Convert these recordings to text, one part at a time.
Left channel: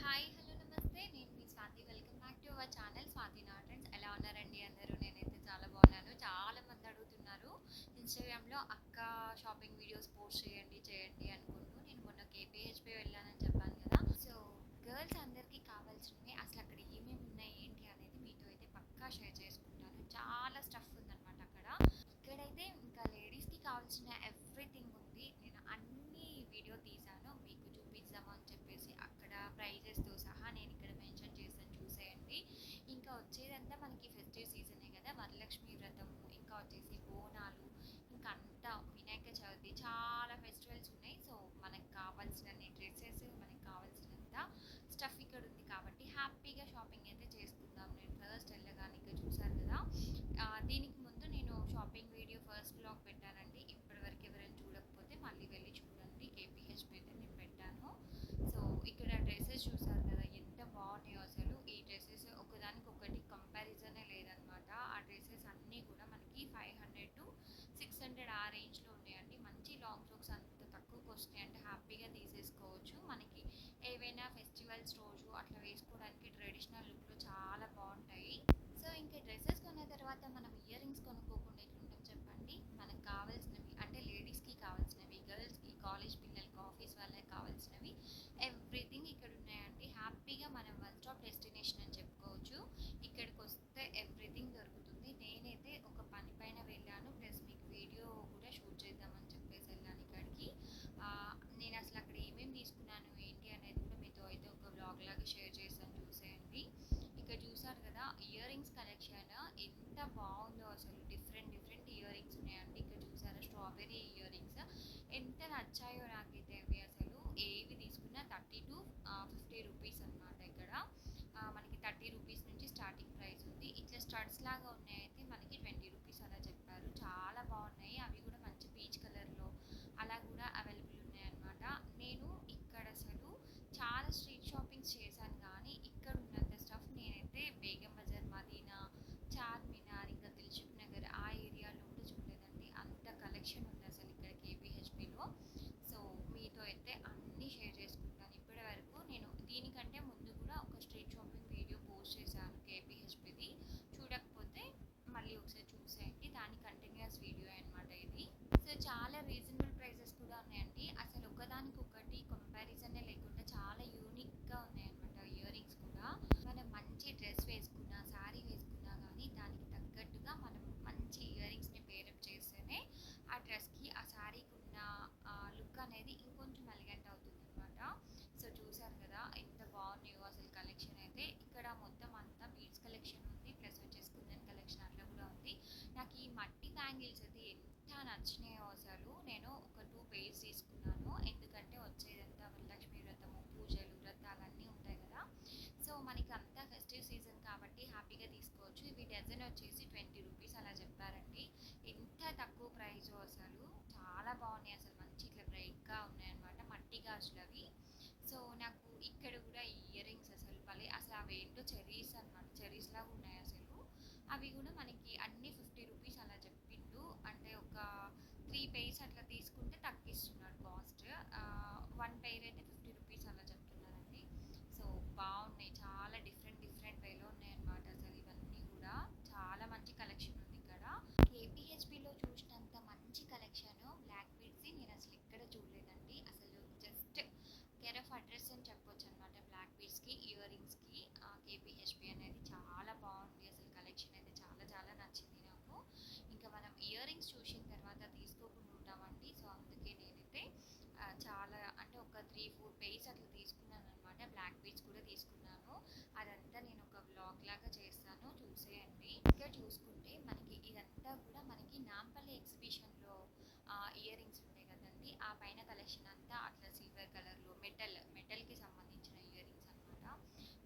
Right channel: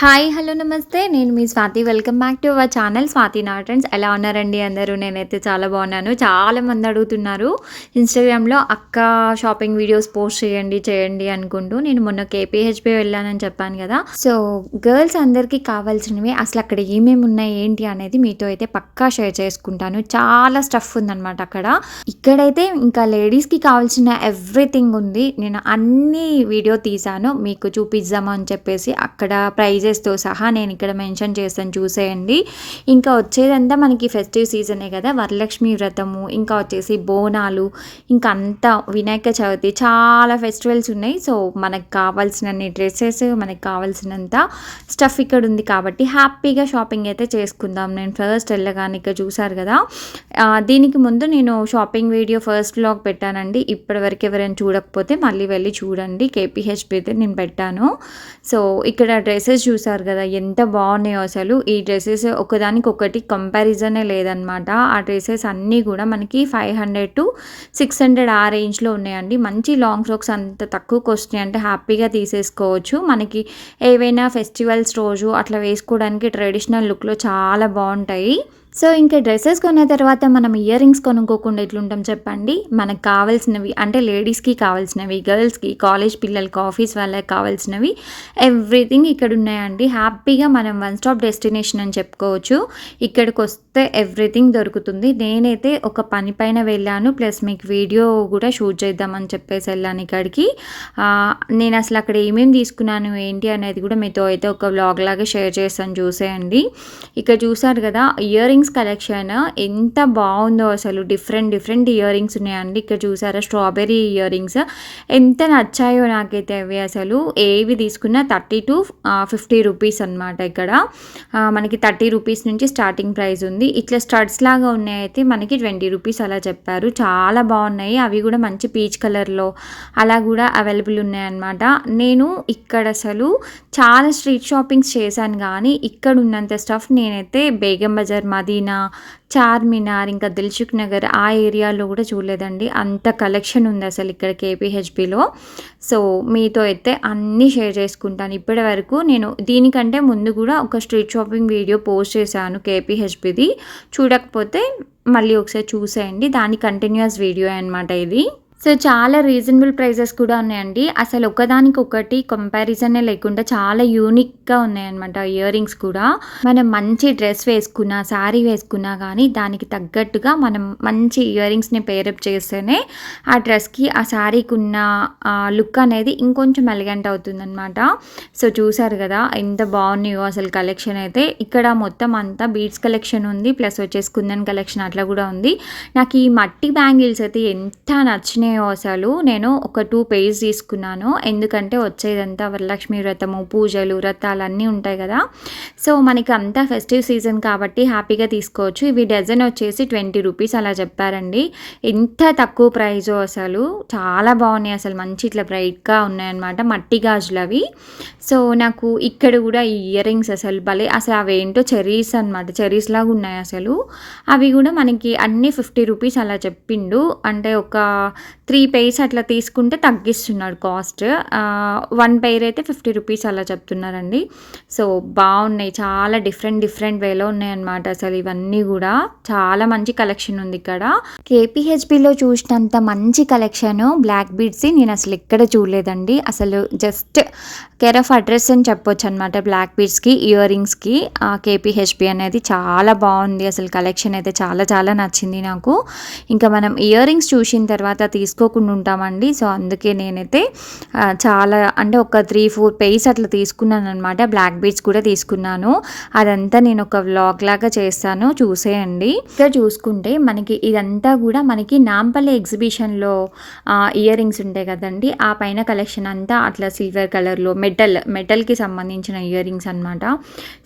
Hi hello నమస్తే. నేను మీ Swathi. Welcome back to our channel. Swathi నాటన్స్. ఎలా ఉన్నారండి అందరూ? నేనైతే చాలా బాగున్నాను. చాలా మంది అడుగుతున్నారు. ఇన్స్టాగ్రామ్లో అక్క షాపింగ్ వీడియోస్ పోస్ట్ చేయండి చేయండి అనుకుంటూ నేను మొన్న కేపీహెచ్పి వెళ్ళానని చెప్పాను కదా. సో గర్ల్స్ అందరికీ కావాల్సినవి అసలు అక్కడ ఏమేమి ఉన్నాయి ఏంటి అనేది మీతో అయితే పక్కా షేర్ చేసుకుంటాను. చాలా స్టఫ్ ఉందన్నమాట అక్కడ. ఇక్కడైతే ఇంకా లేడీస్కి కావాల్సిన ఎవ్రీథింగ్ ఉంది. నేను అన్ని వీడియో తీసాను మీకు చూపిద్దామని చెప్పేసి అక్కడ ప్రైజెస్తో సహా నేను ఇక్కడ మెన్షన్ చేస్తాను చూసేయండి. ఇంకా వచ్చేదంతా మనకి ఫెస్టివ్ సీజనే కదా వరలక్ష్మి వ్రతము ఇంకా వచ్చేసి బోనాలు ఇంకా అంతా వినాయక చవితి చాలా ఫెస్టివల్స్ ఉన్నాయి. సో మనకు కావాల్సినన్ని డ్రెస్సెస్ మనకు కావాల్సినంత స్టఫ్ ఇక్కడ ఉంది కాబట్టి హ్యాపీగా షాపింగ్ అయితే చేసుకుందాం. నేను ఫస్ట్ వెళ్ళగానే ఇక్కడ చూసారు కదా. దీనికి ముందు నేను షాపింగ్ వీడియో ఫస్ట్ బ్లాగ్ పెట్టానండి. ఇప్పటివరకు ఎవరైనా చూడకపోతే మళ్ళీ వెళ్ళి చూడండి. కేపీహెచ్పి అయితే నేను పెట్టాను. సో ఇక్కడ డ్రెస్సెస్ చూసారు కదా ఎంత బాగున్నాయో అసలు. ఈ డ్రెస్సెస్ ఒకదానికి ఒకటి కంపారిజనే లేదనమాట ఆ డ్రెస్సెస్ అన్నీ కూడా మనకి five hundred to six hundred ఆ రేంజ్లో ఉన్నాయండి. మంచి లాంగ్ ఫ్రాక్స్ అంత తక్కువకి వస్తున్నాయి అంటే హ్యాపీగా తీసేసుకోవచ్చు. మనకి ఏవైనా ఫెస్టివల్స్ రోజు అట్లా వేసుకోవడానికి ట్రెడిషనల్ లుక్లో చాలా బాగుంటాయి. సో ఇంకా డ్రెస్సెస్ కొన్న తర్వాత మనం ఇయర్ రింగ్స్ కొనుక్కోకుండా ఎట్లుంటాం చెప్పండి? మనకు కావాల్సినవి అంటే లేడీస్కి కావాల్సినవి గర్ల్స్కి కాలేజ్ పిల్లలకి ఆఫీస్ వాళ్ళకి కావాల్సినవి ఎవ్రీథింగ్ ఇక్కడ ఉన్నాయండి. హ్యాపీగా మనం వన్ స్టాప్ డెస్టినేషన్ అని చెప్పుకోవచ్చు. ఇక్కడికి వస్తే ఎవ్రీథింగ్ దొరుకుతుంది. నేనైతే ఒక పని పైన వెళ్ళాను ప్లస్ మీకు వీడియో కూడా షూట్ చేద్దామని చెప్పేసి వెళ్ళాను ఇక్కడికి. నేను అసలు అక్కడ ఏమేమి తీసుకున్నాను ఏంటి అనేది కూడా మీతో అయితే ఒక వ్లాగ్ లాగా షేర్ చేస్తాను చూసేయండి. ఇక్కడ చూసారు కదా ఇయర్ రింగ్స్ కలెక్షన్ ఎంత బాగుందో అసలు. డిఫరెంట్ డిఫరెంట్ ఇయర్ రింగ్స్ ఉన్నాయండి. ఇక్కడ చూసారా స్ట్రాబెర్రీ ఇయర్ రింగ్స్ ఎంత నచ్చాయో నాకైతే అవి అసలు. ఏవి తీసుకున్నా థర్టీ టు ఫిఫ్టీ రూపీస్ అనమాట ఇక్కడ. మనకి థర్టీ రూపీస్ నుంచి స్టార్టింగ్ ప్రైస్ ఉంది. ఇట్లా స్టడ్స్ లాగా ఉన్నాయి అయితే మనకి ట్వంటీ రూపీస్ అలా చెప్పారు. చాలా బాగున్నాయి. అవి కూడా మంచి పీచ్ కలర్లో అలా కూడా అవైలబుల్ ఉన్నాయన్నమాట. నేను ఇక్కడ అసలు చాలా స్ట్రీట్ షాపింగ్స్ చేశాను కానీ ఇక్కడ ఉన్నంత స్టఫ్ నేనైతే బేగం బజార్ మాది देना చార్మినార్ ఇంకా దిల్సుఖ్ నగర్ ఆ ఏరియాలో కూడా చూడలేదండి. అంత కలెక్షన్ ఉంది అసలు ఇక్కడ కేపీహెచ్బిలో సో మీతో అయితే అన్నీ షేర్ చేసుకుంటాను. ఇప్పటి వరకు నేను దీనికంటే ముందు కూడా ఒక స్ట్రీట్ షాపింగ్ వీడియో పోస్ట్ చేశాను కేపీహెచ్బిది చూడకపోతే మళ్ళీ ఒకసారి చూసేయండి. దాని కంటిన్యూస్ వీడియో అనమాట ఇది. సో చాలా రీజనబుల్ ప్రైజెస్ కూడా ఉన్నాయండి. అసలు ఒకదానికి ఒకటి కంపారిజనే లేకుండా చాలా యూనిక్గా ఉన్నాయన్నమాట ఇయర్ రింగ్స్ కూడా. మనం మంచి డ్రెస్ వేసుకున్నా శారీ వేసుకున్నా కానీ దానికి తగ్గట్టుగా మనం మంచి ఇయర్ రింగ్స్ని పేరప్ చేస్తేనే ఆ డ్రెస్కి ఆ శారీకి ఉన్న లుక్ అనేది ఇంకొంచెం ఎలిగెంట్ అవుతుందన్నమాట. సో చూసారు కదా ఎంత బాగున్నాయో అసలు కలెక్షన్ అయితే. ఇక్కడ మొత్తం అంతా బీడ్స్ కలెక్షన్ ఉంది ప్లస్ వచ్చేసి కుందన్ కలెక్షన్ అట్లా కూడా ఉంది. నాకు ఈ మట్టి బ్యాంగిల్స్ అయితే ఎంత నచ్చినాయో అసలు నేను ఒక టూ పేజ్ తీసుకున్నాను. ఎందుకంటే వచ్చేదంతా వరలక్ష్మి వ్రతము పూజలు వ్రతాలు అన్నీ ఉంటాయి కదా. సో మనకి అంతా ఫెస్టివ్ సీజన్ కాబట్టి హ్యాపీగా తీసుకోవచ్చు. ఇవి డజన్ వచ్చేసి ట్వంటీ రూపీస్ అలా చెప్పారండి. ఎంత తక్కువ ప్రైజో అసలు. చాలా బాగున్నాయి అసలు. మంచి ఇట్లా బ్రైట్గా ఉన్నాయన్నమాట మట్టి గాజులు అవి సో నాకు ఇక్కడ కూడా ఈ ఇయర్ రింగ్స్ అసలు భలే అసలు అవి ఏంటో చెరీస్ అనమాట చెరీస్ లాగా ఉన్నాయి అసలు. అవి కూడా మనకి అన్ని ఫిఫ్టీ రూపీస్ అలా చెప్పిండు. అంటే ఒక త్రీ పెయిర్స్ అట్లా తీసుకుంటే తగ్గిస్తున్నాడు కాస్ట్. వన్ పెయిర్ అయితే ఫిఫ్టీ రూపీస్ అలా చెప్తున్నారండి. సో బాగున్నాయి. చాలా డిఫరెంట్ డిఫరెంట్ వేలో ఉన్నాయన్నమాట అసలు ఇవన్నీ కూడా. చాలా మంచి కలెక్షన్ ఉంది ఇక్కడ. కేపీహెచ్బిలో చూసినంత మంచి కలెక్షన్ బ్లాక్ బీడ్స్ నేను అసలు ఎక్కడ చూడలేదండి. అసలు జస్ట్ కేర్ ఆఫ్ అడ్రస్ అని చెప్పొచ్చు అనమాట బ్లాక్ బీడ్స్కి ఇయర్ రింగ్స్కి కేపీహెచ్బి అనేది చాలా బాగుంది. అసలు కలెక్షన్ అయితే చాలా చాలా నచ్చింది నాకు. ఇంకా మనం ఇయర్ రింగ్స్ చూసిన తర్వాత తీసుకోకుండా ఉంటామండి. సో అందుకే నేనైతే చాలా అంటే ఒక త్రీ ఫోర్ పేస్ అట్లా తీసుకున్నాను అనమాట బ్లాక్ బీడ్స్ కూడా తీసుకున్నాను. అదంతా నేను ఒక వ్లాగ్ లాగా చేస్తాను. చూసేయండి. ఇక్కడ చూసుకుంటే మనకి ఇదంతా కూడా మనకి నాంపల్లి ఎగ్జిబిషన్లో ఇయర్ రింగ్స్ ఉంటాయి కదండి. ఆ పైన కలెక్షన్ అంతా అట్లా సిల్వర్ కలర్లో మెటల్ మెటల్కి సంబంధించిన ఇయర్ రింగ్స్ అనమాట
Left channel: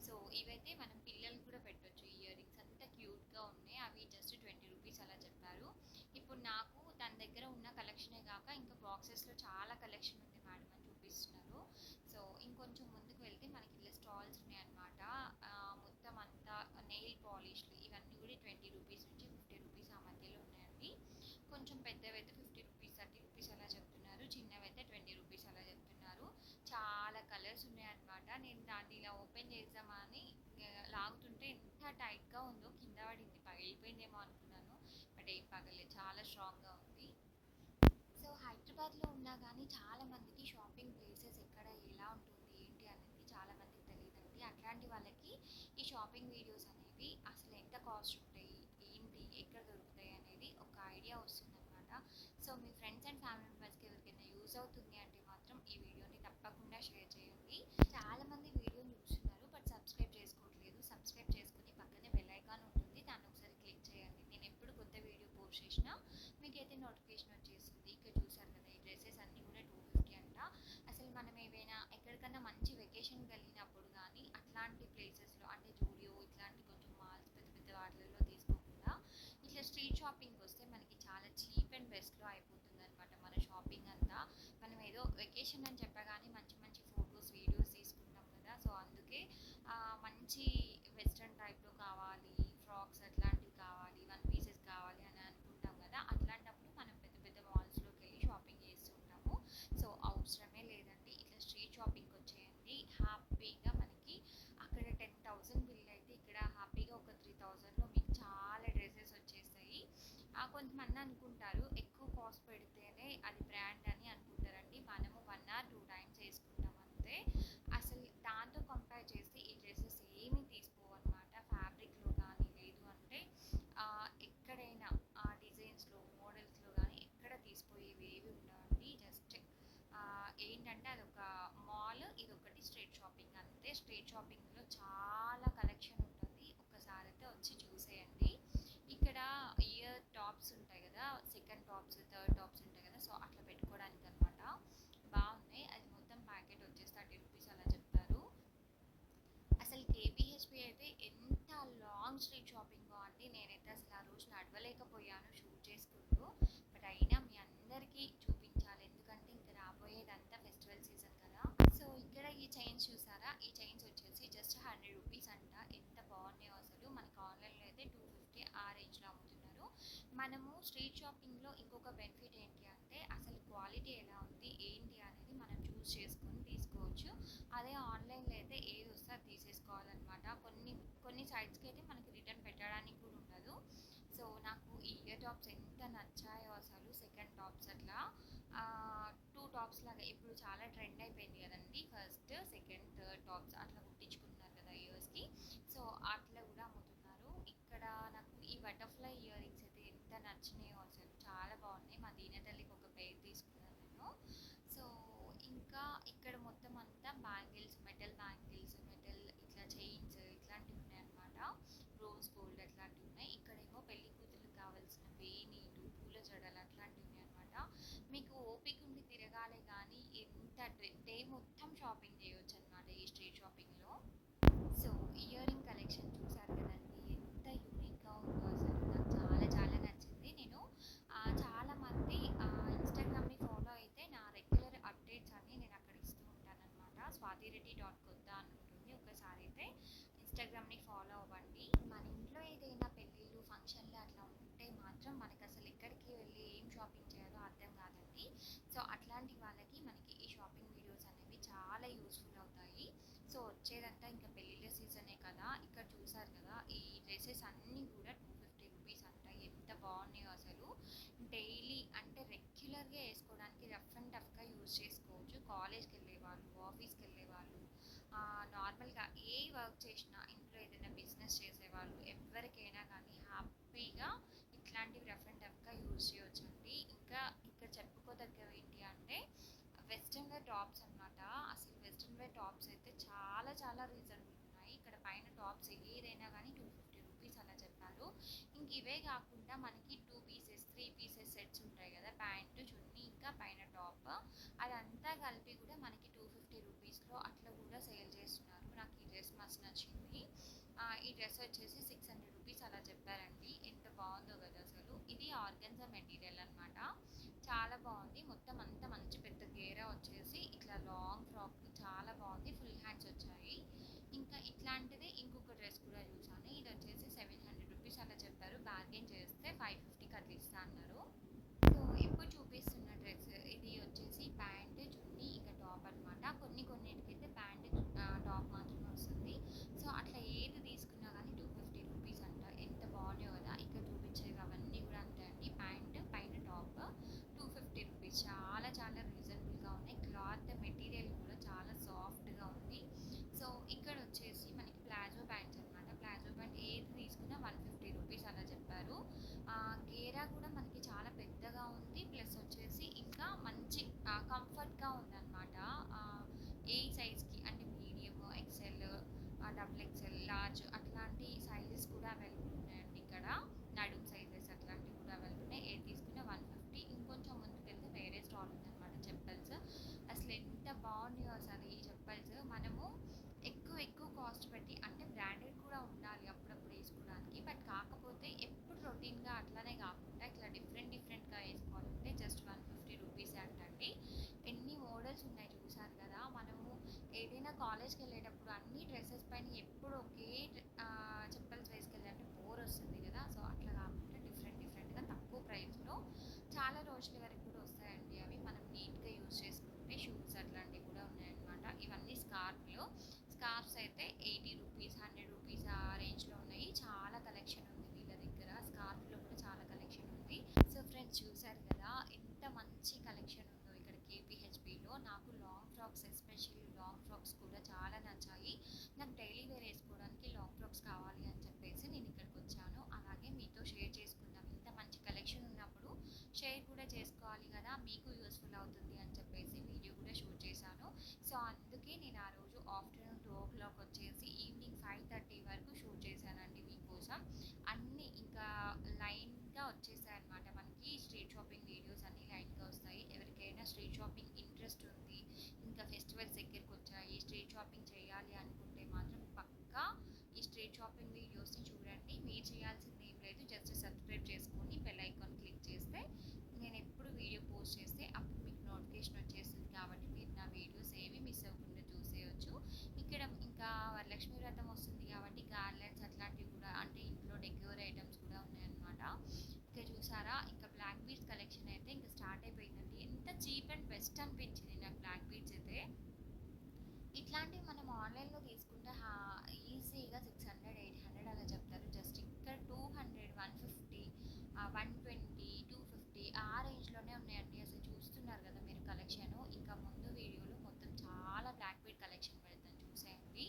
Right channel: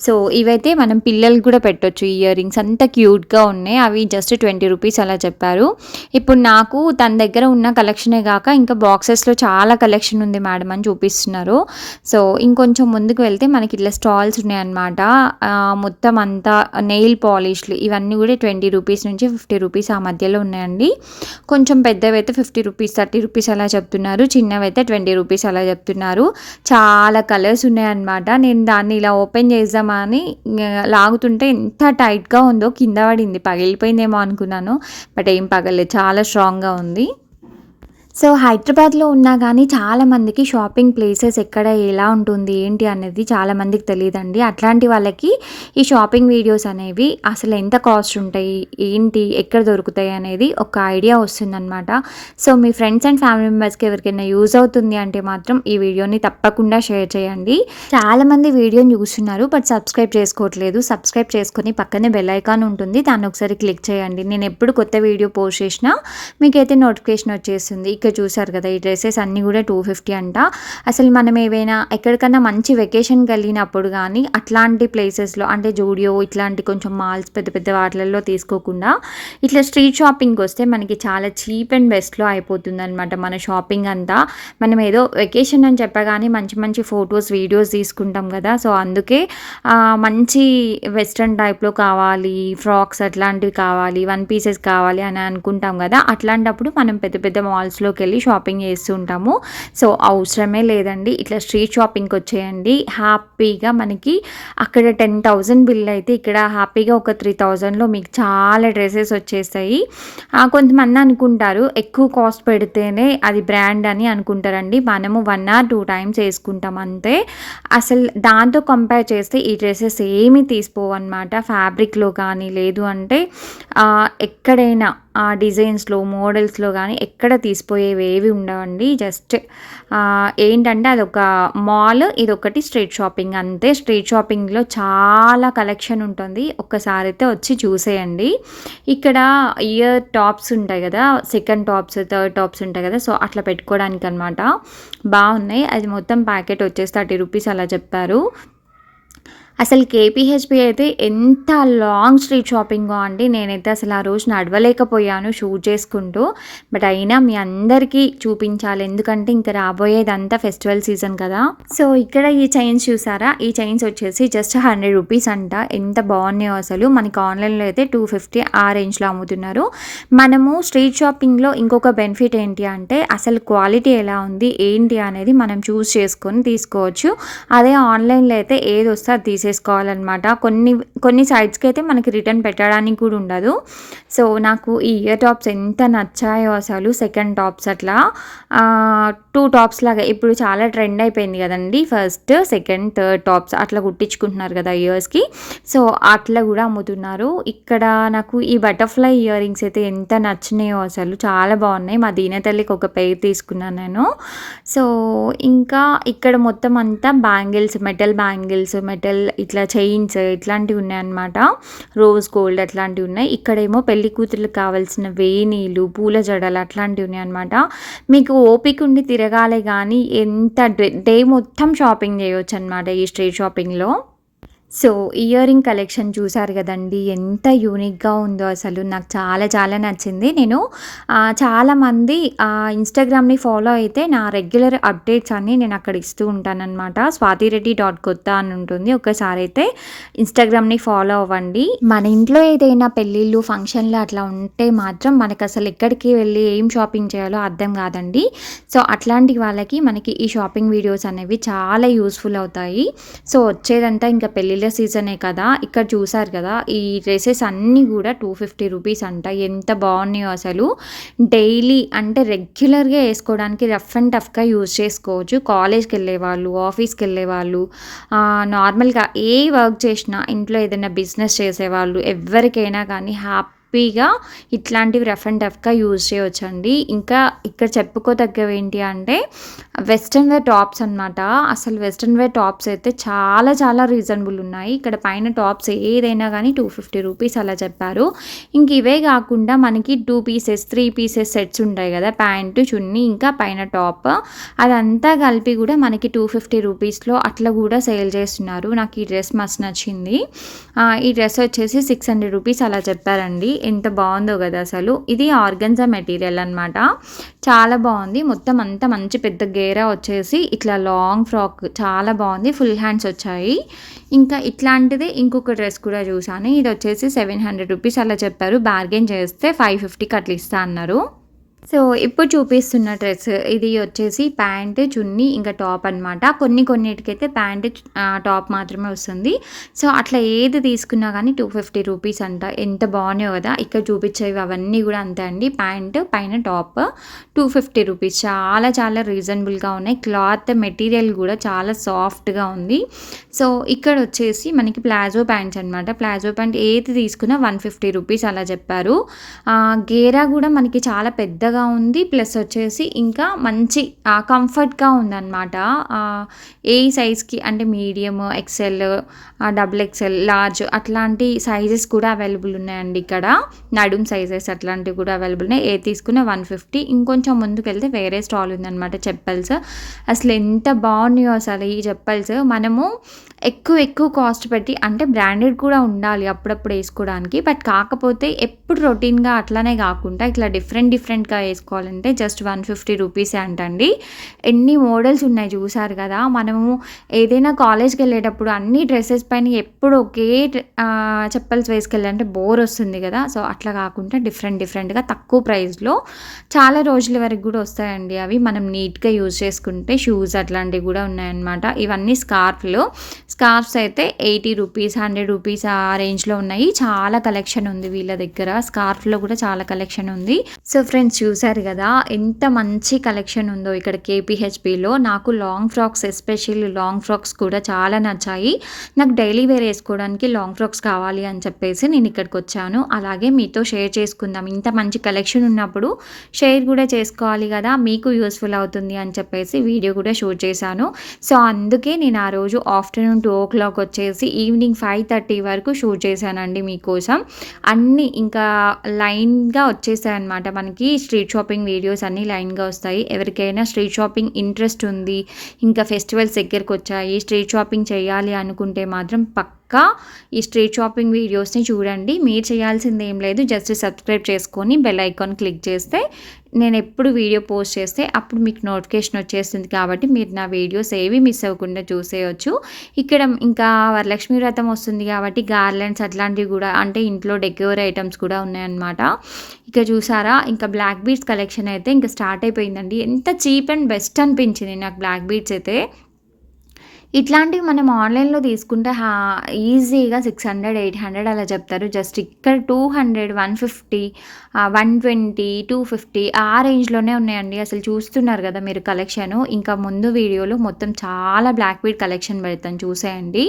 సో ఇవైతే మనం పిల్లలు కూడా పెట్టొచ్చు ఇయర్ రింగ్స్ అంత క్యూట్గా ఉన్నాయి. అవి జస్ట్ ట్వంటీ రూపీస్ అలా చెప్పారు. ఇప్పుడు నాకు తన దగ్గర ఉన్న కలెక్షనే కాక ఇంకా బాక్సెస్లో చాలా కలెక్షన్ ఉంది మేడం అని చూపిస్తున్నారు. సో ఇంకొంచెం ముందుకు వెళ్తే మనకి ఇట్లా స్టాల్స్ ఉన్నాయన్నమాట. మొత్తం అంతా నెయిల్ పాలిష్లు ఇవన్నీ అన్నీ కూడా ట్వంటీ రూపీస్ నుంచి ఫిఫ్టీ రూపీస్ ఆ మధ్యలో ఉన్నాయండి. కొంచెం పెద్దవి అయితే ఫిఫ్టీ రూపీస్ థర్టీ రూపీస్ అలా చెప్తున్నారు. చిన్నవి అయితే ట్వంటీ రూపీస్ అలా చెప్తున్నారు. చాలా కలర్స్ ఉన్నాయన్నమాట. నేను దాన్ని ఇలా ఓపెన్ చేద్దామని లాగుతుంటే ఎంత టైట్గా ఉందో కింద పడింది. పగిలిపోయిందేమో అనుకున్నాను. బట్ ఏం పగలేదు చాలా స్ట్రాంగ్గా ఉంది. సో హైదరాబాద్లో ఉన్నా కానీ చాలామందికి షాపింగ్ ప్లేసెస్ ఎక్కడ ఎలా ఉంటుంది ఏంటి అనేది చాలామందికి తెలియదండి. అట్లాంటి వాళ్ళకి ఈ షాపింగ్ వీడియోస్ అనేవి అసలు ఎంత కాస్ట్ ఉంటాయి ఏంటి ఎక్కడ దొరుకుతాయి అనేది ఒక ఐడియా వస్తుందన్నమాట. సో మీ ఫ్రెండ్స్ అండ్ ఫ్యామిలీ మెంబర్స్కి ఎవరికైనా యూజ్ అవుతుంది అంటే మాత్రం ఈ వీడియోని తప్పకుండా షేర్ చేయండి. చాలామంది వీడియోని చూస్తున్నారు బట్ సబ్స్క్రైబ్ చేసుకోవట్లేదు. సబ్స్క్రైబ్ చేసుకొని పక్కనే బెల్ ఐకాన్ ఉంటుంది దాన్ని ఒకసారి క్లిక్ చేయండి. నేను ఎప్పుడు కొత్త వీడియో పోస్ట్ చేసినా మీకైతే నోటిఫికేషన్ వచ్చేస్తుంది. ఇక్కడ చూసారు కదా ఈ డ్రెస్సెస్ అన్నీ కూడా టూ ఫిఫ్టీ అంట. అసలు మనం ఏవైనా ఎక్కడికన్నా మంచి వెకేషన్ కలిగినప్పుడు కానీ అట్లాంటి ప్లేసెస్లో అంటే జూడియో ఇట్లాంటి కొంచెం మాల్స్ పెద్ద పెద్ద వాటిలలో తీసుకోకుండా ఇట్లా స్ట్రీట్ షాపింగ్కి వస్తే మనకి చాలా చీప్ అండ్ బెస్ట్లో అయిపోతుంది అనమాట మన షాపింగ్ అంతా. మనం ఏదో వెకేషన్ అని చెప్పగానే మంచి మంచి ఫొటోస్ వీడియోస్ తీసుకుంటాం కదా. సో అందుకే మంచి వెస్ట్రన్ టైప్లో కావాలి ఫ్రాక్స్ అట్లాంటివి కావాలి వన్ పీసెస్ కావాలి అని అనుకుంటాం కదా. అట్లాంటప్పుడు మనం పెద్ద పెద్ద మాల్స్లో షాప్లోకి వెళ్ళి షాపింగ్ చేస్తూ ఉంటాము. సో అవసరమే లేదండి. ఇట్లా స్ట్రీట్ షాపింగ్కి వచ్చేయండి. హ్యాపీగా మనకి అక్కడ టెన్ థౌజండ్ బిల్ అయితే ఇక్కడ హ్యాపీగా ఒక త్రీ థౌజండ్లో మీకు చాలా డ్రెస్సెస్ వచ్చేస్తాయి. కొంతమంది అనుకుంటారు ఎక్కువ కాస్ట్ పెడితేనే అది బ్రాండ్ అని అనుకుంటారండి. మనము వన్ ఆర్ టూ టైమ్స్ వేసుకుంటాం అంతే. అసలు దాంతో కంపేర్ చేస్తే ఈ డ్రెస్సెస్ ఏమి తీసుకోవన్నమాట. ఫ్యాబ్రిక్లో కానీ లేదు అంటే ఎక్కడైనా ఆ డిజైన్స్లో మోడల్స్లో కానీ ఎక్కడ తీసిపోయేవి ఏవి ఉండవండి. జస్ట్ ఏంటంటే అదొక మాల్ ఇది ఒకటి స్ట్రీట్ షాపింగ్ అంతే. స్ట్రీట్ షాపింగ్లో చాలా కలెక్షన్ ఉంటుంది. ఒక్కసారి అయితే వచ్చి చూసేయండి. ఇక్కడ ఇయర్ టాప్స్ ఉంటాయి కదా సెకండ్ టాప్స్ థర్డ్ టాప్స్ ఉంటాయి కదా సో అట్లా పెట్టుకోవడానికి అనమాట బాగున్నాయి. అది మొత్తం ప్యాకెట్ వచ్చేసి థర్టీ రూపీస్ అలా చెప్పారు. అసలు కేపీహెచ్పి అయితే ఎంత లాంగ్ స్ట్రీట్ షాపింగో అండి. నేనైతే అసలు ఆ రోజు నడవలేకపోయాను షూట్ చేసుకుంటూ. బట్ అయినా మీ అందరికీ చూపించాలి. ఎందుకంటే ఇంకా రాబోయేదంతా ఫెస్టివల్ సీజన్ కదా. సో ఇక్కడ ఈ చైన్స్ చూసారా? ఈ చైన్స్ వచ్చేసి జస్ట్ హండ్రెడ్ రూపీస్ అంట. ఎంత బాగున్నాయో అసలు. మనకి ఆన్లైన్లో అయితే టూ ఫిఫ్టీ ఆ రేంజ్లో అమ్ముతున్నారు. మనము స్ట్రీట్ షాపింగ్లో ఇంకొక బెనిఫిట్ ఏంటి అంటే అసలు క్వాలిటీ ఎలా ఉంది ఏంటి అనేది మనం చూస్ చేసుకొని తీసుకోవచ్చు. అదే ఆన్లైన్లో అయితే ఏది వస్తే అది చేసుకోవాలన్నమాట. కొన్ని కొన్ని సైడ్స్కి అయితే మనకి రిటర్న్ పెట్టడానికి కూడా ఉండదు. సో నాకు ఈ ఇయర్ టాప్స్ ఎంత నచ్చాయో అసలు సెకండ్ టాప్స్ అట్లా. టూ టాప్స్ లాగా ఇప్పుడు చాలా ట్రెండ్ అయిపోయింది కదండి. ఫస్ట్ సెకండ్ థర్డ్ టాప్స్ అట్లా కుట్టించుకుంటున్నారు కదా ఇయర్స్కి సో అట్లా కూడా అమ్ముతున్నారు. ఇక్కడ నాకు ఈ బటర్ఫ్లై ఇయర్ రింగ్స్ అయితే ఎంత నచ్చినాయో అసలు చాలా బాగున్నాయి. మా దీనతల్లికి ఒక పెయిర్ తీసుకున్నాను నేను. సో ఇంకా ఇక్కడ మొత్తం అంతా బ్యాంగిల్స్ మెటల్ బ్యాంగిల్స్ మెటల్ ఇట్లా చైన్స్ ఇట్లాంటివి ఉన్నాయన్నమాట. రోజ్ గోల్డ్ అట్లాంటివి ఉన్నాయి. ఇక్కడేమో పెళ్ళి కూతుర్లకు కావాల్సిన వేణీలు పూల జడలు అట్లాంటివి ఉన్నాయి అనమాట మీకు ఓపిక ఉండి తిరగాలి కానీ ఎంత డే మొత్తం షాపింగ్ చేయవచ్చు అనమాట ఈ స్ట్రీట్ షాపింగ్లో. సో ఇయర్ రింగ్ కలెక్షన్ చూసారు కదండి ఎంత యూనిక్గా ఉందో అసలు. నాకు చాలా చాలా నచ్చింది. నేను చాలామంది ఇన్స్టాగ్రామ్ని ఫాలో అయితే నా రెగ్యులర్ అప్డేట్స్ అన్నీ నేను అక్కడ ఇస్తూ ఉంటానన్నమాట. స్వాతిరెడ్డి డాట్ కొత్త అని ఉంటుంది. ఒకసారి అయితే ఇన్స్టాగ్రామ్ని ఫాలో అవ్వండి. మన ఇంట్లో ఏదైనా పెళ్ళిళ్ళు ఫంక్షన్లు అట్లా ఉంటే మాత్రం మనకు అసలు ఎక్కడికి వెళ్ళి ఏం షాపింగ్ చేయాలో అర్థం కాదండి. సో అట్లాంటి వాళ్ళకి మనకి ఈ షాపింగ్ వీడియోస్ అనేవి చాలా యూస్ఫుల్ అవుతాయి. సో వచ్చేదంతా ఇంకా పెళ్ళిళ్ళు పెళ్ళిళ్ళ సీజనే కదా ఇక్కడ చూసారు కదా ఈ డ్రెస్సెస్ అన్నీ కూడా టూ ఫిఫ్టీ రూపీస్ అంట. ఎంత బాగున్నాయో అసలు. డైలీ అంటే రెగ్యులర్గా వేసుకోవడానికి రఫ్ అండ్ టఫ్గా యూజ్ చేసుకోవచ్చు. కాలేజ్కి వెళ్ళే వాళ్ళు ఆఫీస్కి వెళ్ళే వాళ్ళు నార్మల్గా ఏ వర్క్ చేసినా ఇంట్లో ఏదైనా బిజినెస్ చేసేవాళ్ళు ఎవరికైనా కానీ హ్యాపీ హ్యాపీగా ఇట్లాంటివి రఫ్ అండ్ టఫ్గా యూజ్ చేయవచ్చండి ఇంకా ఇక్కడ చెప్పుకోదగ్గవి ఏంటి అంటే వెస్ట్రన్ వేర్ టాప్స్ అనమాట అసలు వెస్ట్రన్ వేర్ టాప్స్ అయితే చాలా చాలా రీజనబుల్ ఉన్నాయి. ఇక్కడ పైన టాప్స్ ఏదైనా కానీ టూ ఫిఫ్టీ రూపీస్ అలా చెప్పారు. ఇంక ఇవే కాకుండా మనకి two pieces three pieces sets ఉంటాయి కదా ప్యాంటు చున్నీ ఇంకా పైన టాప్. అదంతా కలిపి కూడా మనకి టూ ఫిఫ్టీ రూపీస్లో అట్లా కూడా సేల్ చేస్తున్నారు. నాకు ఈ డ్రెస్ మస్తు నచ్చింది. ఈ డ్రెస్ వచ్చేసి సిక్స్ హండ్రెడ్ రూపీస్ అలా చెప్పారండి. ఎంత బాగుందో కదా అసలు. ఇది ఆర్గన్జా మెటీరియల్ అనమాట చాలా బాగుంది. మొత్తం అంతా మంచి పెద్ద గేరా వచ్చేసి ఇట్లా లాంగ్ ఫ్రాక్. చాలా బాగుంది. ఫుల్ హ్యాండ్స్ వచ్చాయి. ఇంకా ఇట్లాంటిదే ఇంకొక డ్రెస్ కూడా చూసాను ఇది వచ్చేసి సెవెన్ హండ్రెడ్ రూపీస్ అలా చెప్పారు. బార్గెన్ చేస్తే ఫైవ్ ఫిఫ్టీకి అట్లా ఇస్తా అన్నారు. సో ఇప్పుడు చూపిస్తున్న డ్రెస్ ఇది వచ్చేసి ప్యాంట్ చున్నీ ఇంకా టాప్ అనమాట కొన్ని కొన్నిటికైతే ప్యాంట్ టాప్ మాత్రమే వస్తుంది. సో అట్లా ఏది తీసుకున్నా కానీ టూ ఫిఫ్టీ రూపీస్ అంట. ఎంత బాగున్నాయో కదా. ఇక్కడ చూపించేవి అవన్నీ కూడా అంతే అండి. ప్యాంట్ పైన టాప్ టూ ఫిఫ్టీ రూపీస్. చాలా చాలా రీజనబుల్గా ఉన్నాయి. క్లాత్ మెటీరియల్ కూడా చాలా సాఫ్ట్గా ఉంది. సో ఇక్కడ వచ్చేసి మనకి ప్లాజో ప్యాంట్స్ అనమాట ప్లాజో ప్యాంట్ ఏది తీసుకున్నా వన్ ఫిఫ్టీ రూపీస్ అలా చెప్పారు. గేరా కూడా మనకి చాలా పెద్ద చల్లగా ఉంది ప్లస్ వచ్చేసి ఇంకా మంచి కంఫర్ట్గా ఉందన్నమాట. ఏ సైజ్కి అంటే medium XL double XL large అట్లాంటి సైజెస్ కూడా అవైలబుల్ ఉన్నాయండి ఇక్కడ. నడుం సైజెస్ అట్లాంటివి కూడా అవైలబుల్ ఉన్నాయి. ఏ తీసుకున్న వన్ ఫిఫ్టీ. ఇంకొంచెం ముందుకు వెళ్తే వేరే స్టాల్ ఉందన్నమాట చెప్పల్స్. అసలు ఎంత బాగున్నాయో అసలు ఈ చెప్పల్స్. మనము ఎక్కువ ఎక్కువ కాస్ట్ పెట్టి అంటే బ్రాండెడ్ కూడా ఉండాలి అప్పుడప్పుడు వేసుకోవడానికి. బట్ కాకపోతే ఎప్పుడు రొటీన్గా అట్లానే కాకుండా ఇట్లా డిఫరెంట్ డిఫరెంట్గా వేసుకోవాలంటే జస్ట్ వన్ ఫిఫ్టీ రూపీసే అంటండి. ఎన్ని మోడల్స్ ఉన్నాయి చూసారు కదా. మనము ఏదైనా కాలేజ్కి వెళ్ళేటప్పుడు అన్ని డ్రెస్సెస్ పైన ఎప్పుడు ఒకే చెప్పల్స్ వేసుకెళ్ళాలంటే బోర్ వస్తుంది కదా. సో అట్లా కాకుండా డిఫరెంట్ డిఫరెంట్గా తక్కువ ప్రైస్లో చాలా రోజుల వరకు కూడా వస్తాయండి. అవి మనం నీట్గా యూజ్ చేసుకుంటే షూస్ అట్లాంటివి కూడా ఉన్నాయన్నమాట. ఇవన్నీ స్కార్ఫ్లు స్కార్ఫ్స్ అయితే ఎయిటీ రూపీస్ హండ్రెడ్ రూపీస్ ఆ రేంజ్లో ఉన్నాయి. చాలా కలెక్షన్ ఉంది వీళ్ళ దగ్గర. స్కార్ఫ్లో కూడా చాలా కలెక్షన్ ఉంది. సో ఫ్రెండ్స్ చూశారు కదా ఎంత మంచి కలెక్షన్ ఉందో ఇక్కడ కేపీహెచ్పిలో నాకు long frocks especially long frocks కూడా చాలా నచ్చాయి. నాకు డైలీ వేర్ వేసుకోవడానికి లాంగ్ ఫ్రాక్స్ కావాలి అని చెప్పేసి నేను ఇక్కడికి వచ్చాను. అలాగే మీతో షేర్ చేసుకుందాం. ఇంత మంచి కలెక్షన్ ఉన్నప్పుడు షేర్ కూడా చేసుకోవాలి కదా మీకు యూస్ఫుల్ అవుతుంది అని చెప్పేసి వీడియో కూడా షూట్ చేశాను. సో అందుకే నేను ఆ రోజు ఆఫ్టర్నూన్ టూ ఓ క్లాక్ వచ్చేసి ఈవినింగ్ ఫైవ్ థర్టీ వరకు షూట్ చేశానండి మీకోసం. అన్నీ ఇంకా లైన్గా వచ్చేసాయి అనమాట మనకి స్ట్రీట్ షాపింగ్ వీడియోస్ అన్నీ లైన్గా వస్తాయి. ఎవరికైనా స్ట్రీట్ షాపింగ్ ఇంట్రెస్ట్ ఉంది. ఇంకా ఫెస్టివల్స్ దగ్గరకు వచ్చాయి. స్ట్రీట్ షాపింగ్ చేయాలి అనుకుంటే మాత్రం పక్క యొక్క ఈ స్ట్రీట్ షాపింగ్ వీడియోస్ని చూడండి. మీరు చేయాల్సింది ఏం లేదు. జస్ట్ సబ్స్క్రైబ్ చేసుకొని బెల్ ఐకాన్ క్లిక్ చేస్తే నేను ఎప్పుడు వీడియో పోస్ట్ చేస్తే అప్పుడు మీకు నోటిఫికేషన్ వచ్చేస్తుంది కాబట్టి మీరు నా వీడియోస్ ఏవి మిస్ అవ్వకుండా చూసేయచ్చు. ఇక్కడ ఇంకా వరలక్ష్మి వ్రతం వస్తుంది కాబట్టి గార్లెండ్స్ అట్లాంటివి కూడా అంటే ఇంట్లో డెకోర్ ఐటమ్స్ కూడా ఉన్నాయన్నమాట. ఇక చూసారా? ఇంకా బ్లాక్ బీడ్స్ కలెక్షన్ అయితే ఇంకా స్టార్ట్ అయిపోయిందండి. ఎంత చీప్ అండ్ బెస్ట్ అనిపించింది నాకు బ్లాక్ బీడ్స్ అయితే. ఇట్లాంటివి మనం ఆన్లైన్లో తీసుకుంటే హా ఈజీగా సిక్స్ హండ్రెడ్ ఎయిట్ హండ్రెడ్ అలా చెప్తారు. జస్ట్ ఇక్కడ two hundred one fifty one twenty two fifty ఆ రేంజ్లోనే ఉన్నాయండి. అసలు చూస్తున్నారు కదా మీరు కలెక్షన్. ఇంకా ముందు వీడియోలో మొత్తం చాలా బ్లాక్ బీడ్ కలెక్షన్ పెడతాను చూసేయండి.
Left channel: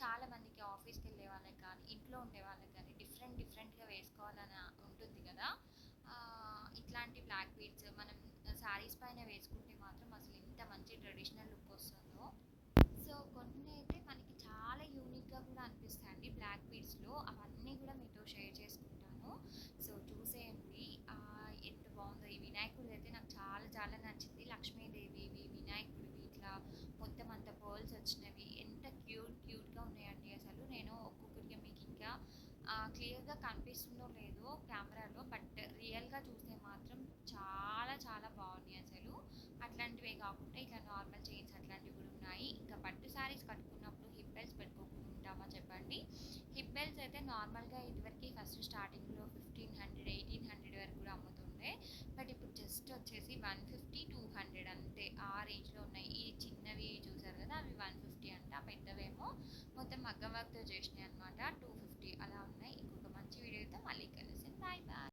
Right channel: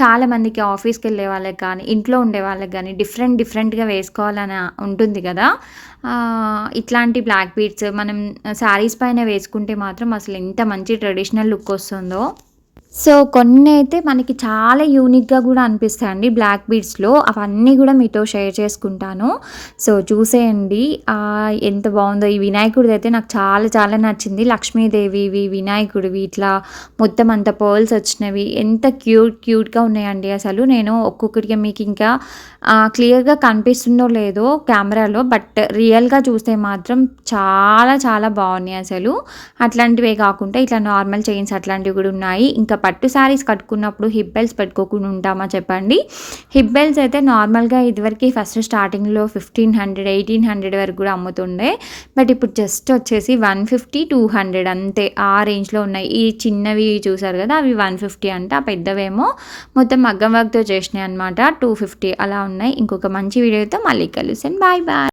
చాలామందికి ఆఫీస్కి వెళ్ళే వాళ్ళకి కానీ ఇంట్లో ఉండే వాళ్ళకి కానీ డిఫరెంట్ డిఫరెంట్గా వేసుకోవాలని ఉంటుంది కదా. ఇట్లాంటి బ్లాక్ బీడ్స్ మనం శారీస్ పైన వేసుకుంటే మాత్రం అసలు ఎంత మంచి ట్రెడిషనల్ లుక్ వస్తుందో. సో కొన్ని అయితే మనకి చాలా యూనిక్గా కూడా అనిపిస్తాయండి బ్లాక్ బీడ్స్లో. అవన్నీ కూడా మీతో షేర్ చేసుకుంటాను. సో చూసేయండి. ఎంత బాగుందో. ఈ వినాయకుడిది అయితే నాకు చాలా చాలా నచ్చింది. లక్ష్మీదేవివి వినాయకుడివి ఇట్లా మొత్తం అంత పర్ల్స్ వచ్చినవి. ఎంత క్యూట్ క్యూట్గా ఉన్నాయండి అసలు. నేను ఒక్కొక్కటిగా మీకు ఇంకా క్లియర్గా కనిపిస్తుందో లేదో కెమెరాలో బట్ రియల్గా చూస్తే మాత్రం చాలా చాలా బాగున్నాయి అసలు. అట్లాంటివే కాకుండా ఇట్లా నార్మల్ చైన్స్ అట్లాంటివి కూడా ఉన్నాయి. ఇంకా పట్టు శారీస్ కట్టుకున్నప్పుడు హిప్ బెల్ట్స్ పెట్టుకోకుండా ఉంటామా చెప్పండి? హిప్ బెల్ట్స్ అయితే నార్మల్గా ఇదివరకు ఫస్ట్ స్టార్టింగ్లో ఫిఫ్టీన్ హండ్రెడ్ ఎయిటీన్ హండ్రెడ్ వరకు కూడా అమ్ముతుండే. బట్ ఇప్పుడు జస్ట్ వచ్చేసి వన్ ఫిఫ్టీ టూ హండ్రెడ్ అంతే. ఆ రేంజ్లో ఉన్నాయి. ఈ చిన్నవి చూసారు కదా అవి వన్ ఫిఫ్టీ అంటే ఆ పెద్దవేమో మొత్తం మగ్గం వర్క్తో చేసినాయి అనమాట టూ ఫిఫ్టీ అలా ఉన్నాయి. ఇంకొక మంచి వీడియోతో మళ్ళీ కలుస్తాను బాయ్ బాయ్